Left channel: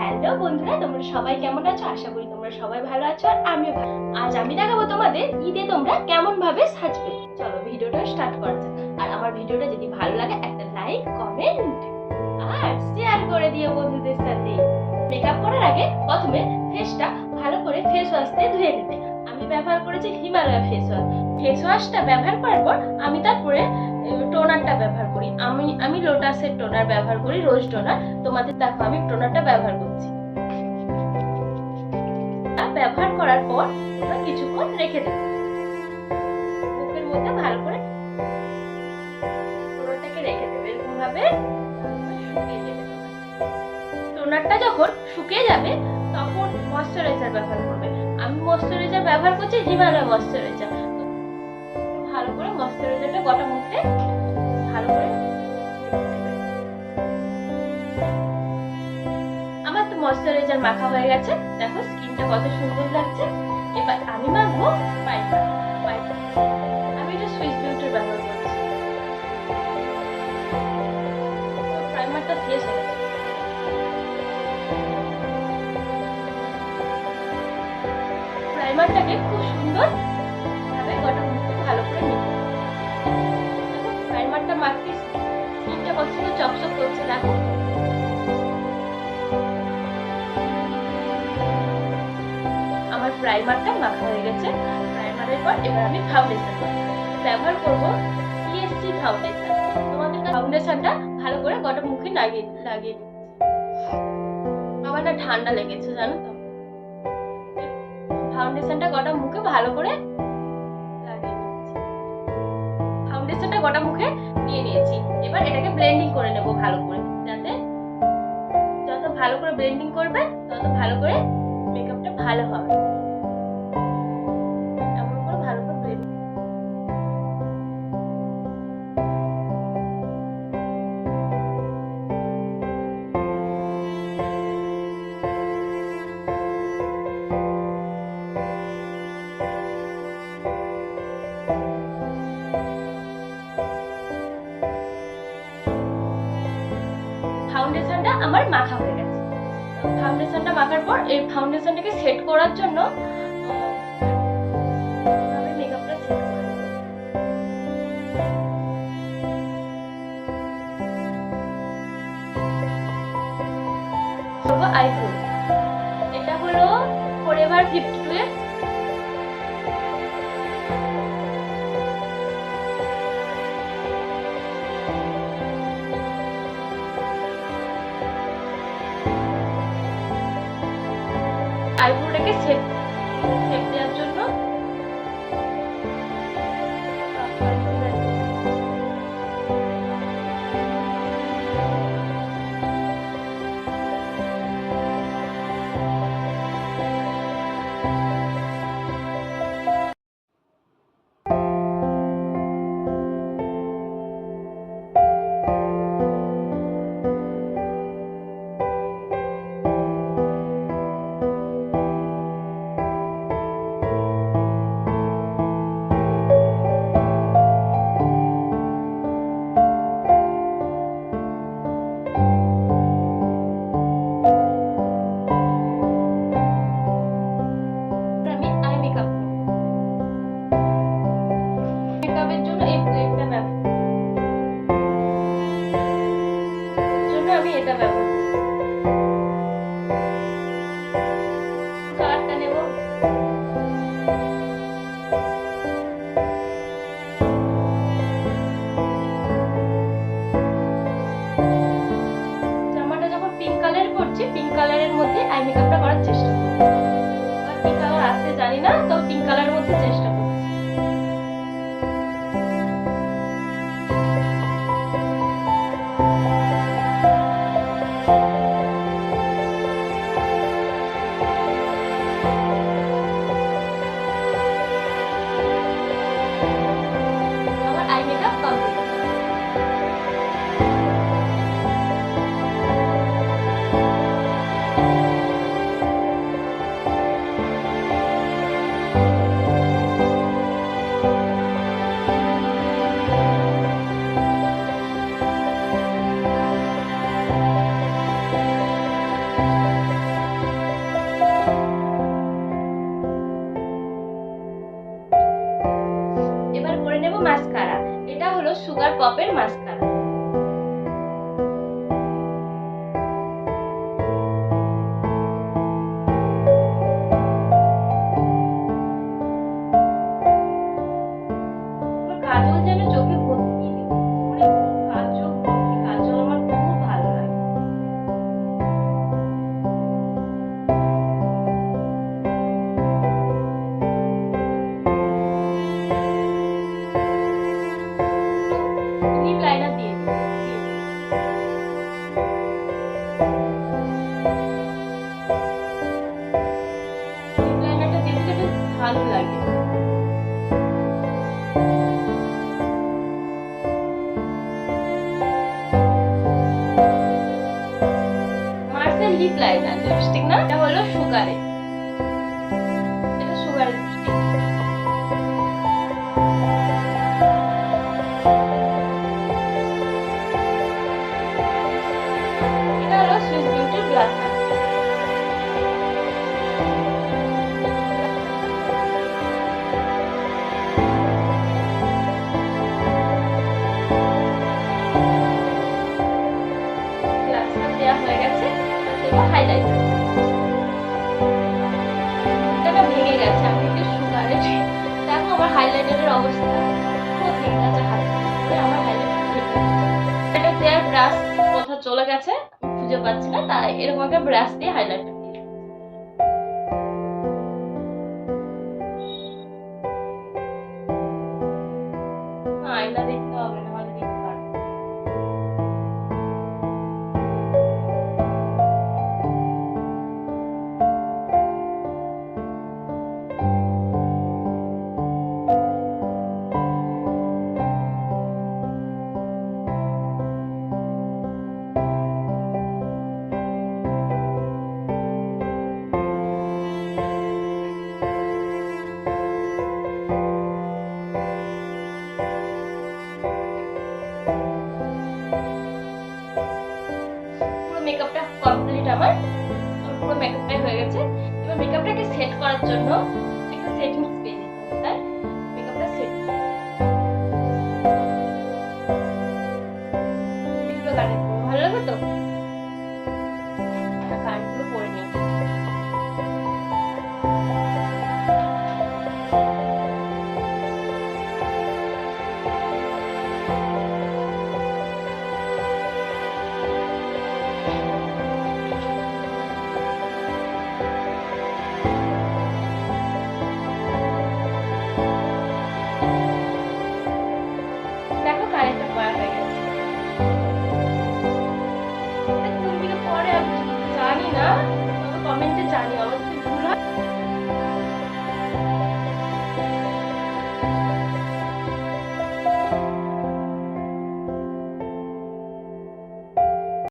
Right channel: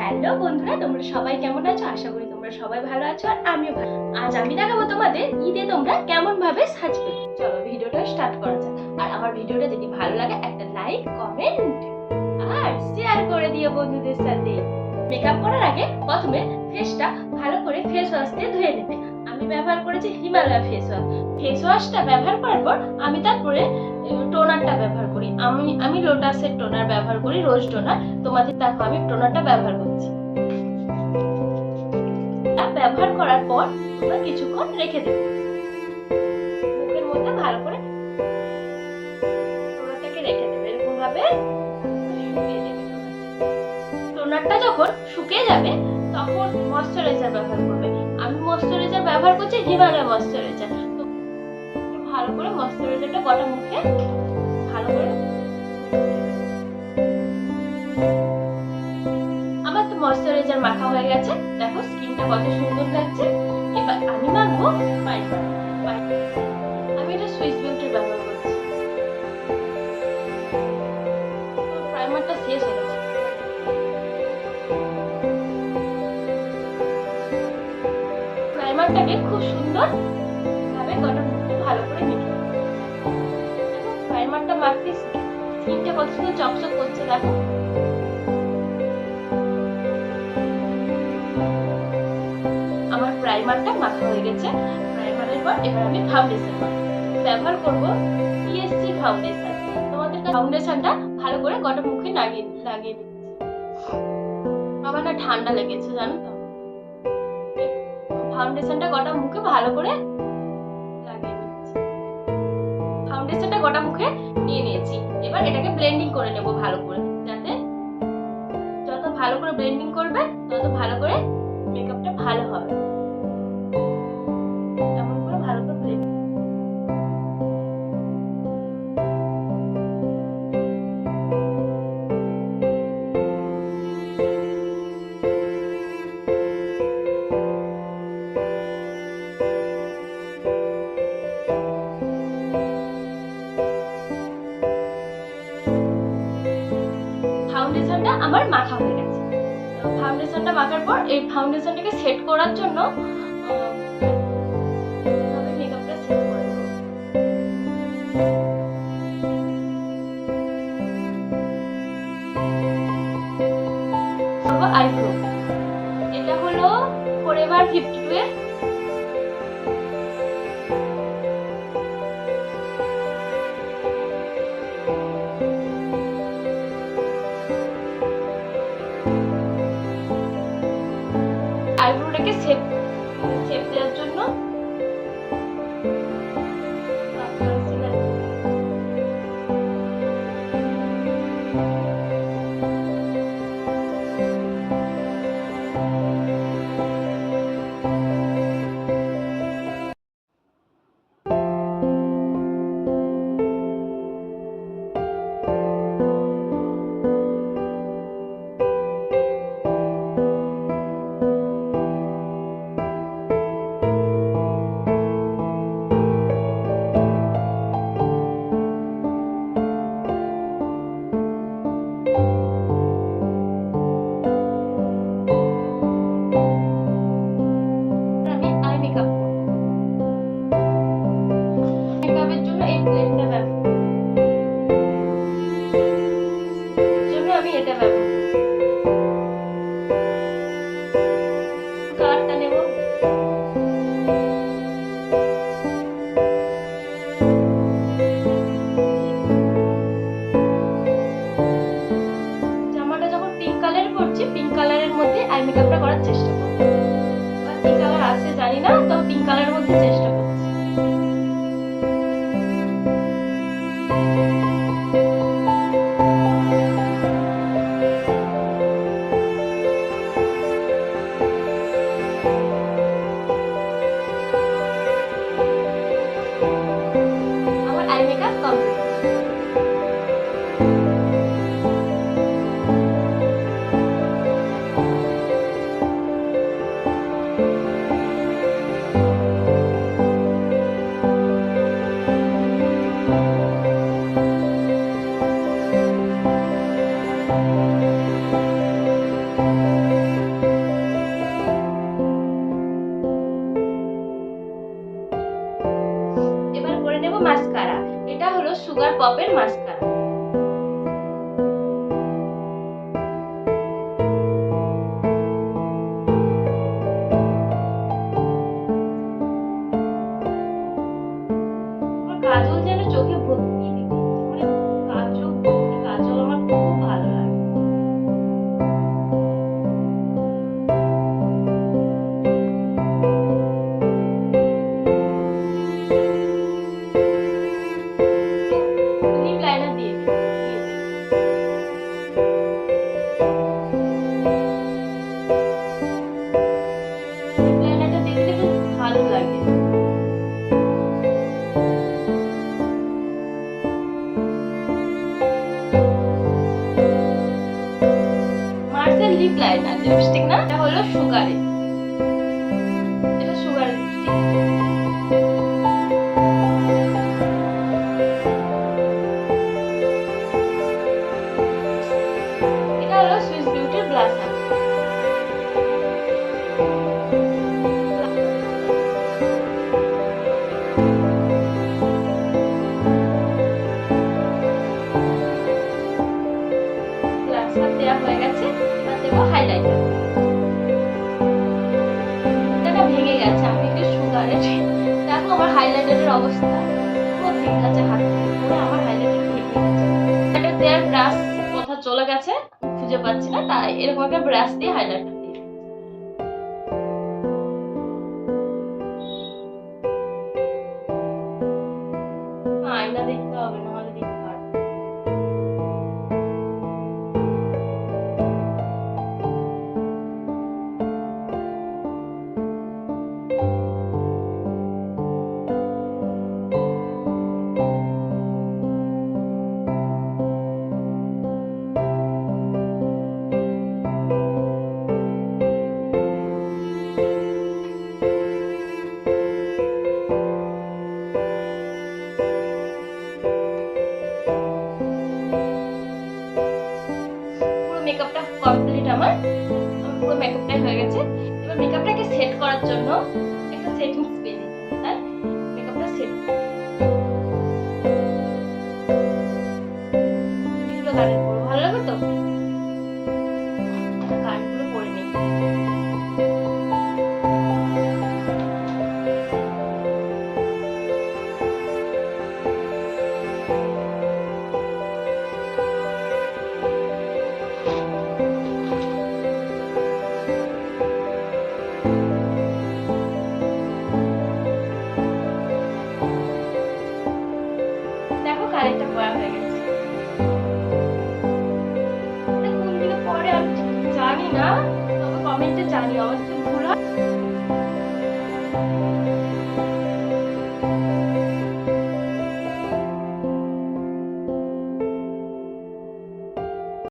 হ্যালো বন্ধুরা, তোমরা সবাই কেমন আছো? আশা করি তোমরা সবাই ভালো আছো আর আমিও ভালো। আজ আমি দেখাবো তোমাদের ঈদে তোমরা কেমন ভাবে সাজবে। চলো ভিডিওটা স্টার্ট করা যাক। আর আমার ভিডিওটা যদি ভালো লাগে একটা লাইক, কমেন্ট আর শেয়ার করে দিও বন্ধুদের সাথে। মেকআপ করার আগে প্রথমে ফেসটা ভালো করে ফেস ওয়াশ দিয়ে ধুয়ে নেবে। আমি ব্যবহার করেছি হিমালয়া ফেস ওয়াশ। ফেস ওয়াশটা ব্যবহার করার পর আমি তারপরে টোনারটা ব্যবহার করি। আমি লোটাসের টোনার ব্যবহার করি, রোজ টোনার। তোমাদের দেখো আমি টোনারটা ব্যবহার করছি। ব্যবহার করার পর তোমরা কিছুক্ষণ রেখে দেবে। মুখের মধ্যে ভালো করে টোনারটাকে রেখে দেবে, এরকম ভাবে শুকিয়ে যাবে। টোনারটা যখন শুকিয়ে যাবে তখন ময়শ্চারাইজার ব্যবহার করবে। আমি ময়শ্চারাইজার ব্যবহার করছি হিমালয়া ময়শ্চারাইজার। তো ভালো করে ময়শ্চারাইজারটা গোটা মুখে ভালো করে। আমার তো ময়শ্চারাইজার মাখা হয়ে গেছে, দেখো স্কিনটা কত সুন্দর লাগছে। এবার আমি মাখবো প্রাইমার। আমি এটা সুইস বিউটির ব্যবহার করছি। প্রাইমারটা শেষ হয়ে গেছে। প্রাইমারটাকে খুব সুন্দর ভাবে গোটা মুখে ভালো করে মেখে দেখো। প্রাইমারটা মাখতে স্কিনটা কত সুন্দর চকচক করছে দেখো। আমার প্রাইমারটা মাখা হয়ে গেছে। প্রাইমারের পর এবার আমি ফাউন্ডেশন ব্যবহার করব, পিএসসি ফাউন্ডেশন। তোমাদের ফাউন্ডেশনটা ভালো করে গোটা মুখে লাগিয়ে দিচ্ছি। আমার না ঠান্ডা লেগেছে জানো তো। ফাউন্ডেশনটা গোটা মুখে ভালো করে লাগিয়ে নিচ্ছি। ফাউন্ডেশনটা গোটা মুখে নিয়ে নিয়েছি। এবার এটাকে ব্লেন্ডিং করে নেব ভালো করে, যাতে যত ভালো করে ব্লেন্ডিং করবে তত ভালো করে মেকআপটা ভালো হবে। এমন করে ভালো করে ব্লেন্ডিং। ফাউন্ডেশনটা আমার মাখা হয়ে গেছে। ফাউন্ডেশনটা মাখার পর এই ফাউন্ডেশনটাকে সেট করার জন্য আমি মেকআপটা সেট করে নেব। আইব্রো, এটা হলো ফরএভার 52 এর আইব্রোটাকে শেপ দেওয়ার জন্য পিঙ্ক কালারের মধ্যে আই মেকআপটা করার চেষ্টা করব। কি কালার আছে জানি না, তো পিঙ্ক কালারের মধ্যে চেষ্টা করব। আমার আই মেকআপ কমপ্লিট। মেকআপের মাস্কারা। কাজল যেন চোখে ভর্তি মানে কাজল ভর্তি কাজল আমার খুব ভালো লাগে। লিপ লাইনার দিয়ে দিই। লিপ লাইনারটা দিয়ে দিলে বেশ ভালো লাগে। মার্সেল লিপ লাইনার লিপস্টিক না, এটা হলো সুগারে, এটা সুগারের লিপস্টিক। এটা হলো সুইস বিউটির ব্লাশার। ব্লাশার দেওয়া হয়ে গেছে, এবার দেবো হাইলাইটার। এটা ভেঙে গেছে, আমি একটু সুগারের। দেখো আমার হাইলাইটারের অবস্থা পুরো ভেঙে গেছে, হাত পুরো আমার হাইলাইটার ভেঙে গেছে। এটা দেওয়ার ব্রাশ কোথাও চলে গেছে, খুঁজে পাচ্ছি না, তাই এরকম একটা ব্রাশ দিয়ে হাইলাইটার দিই। আয়না দেখতে হবে, নাহলে দিতে পারবো। মেকআপটা কমপ্লিট আমার পুরো মেকআপটাই হয়ে গেছে। এবার মেকআপটাকে সেট করার জন্য একটা সেটিং স্প্রে দিতে হবে, তাই মেকআপটা সেট এগুলো গাড়ি পরবো, ভালো লাগবে তো। গাড়িগুলো পরে নিই। দেখো কারেন্টটা পড়া হয়ে গেছে। কোন দিকে পরে আমি জানি না, তবে কমেন্টে জানিও, আমার যদি ভুল হয়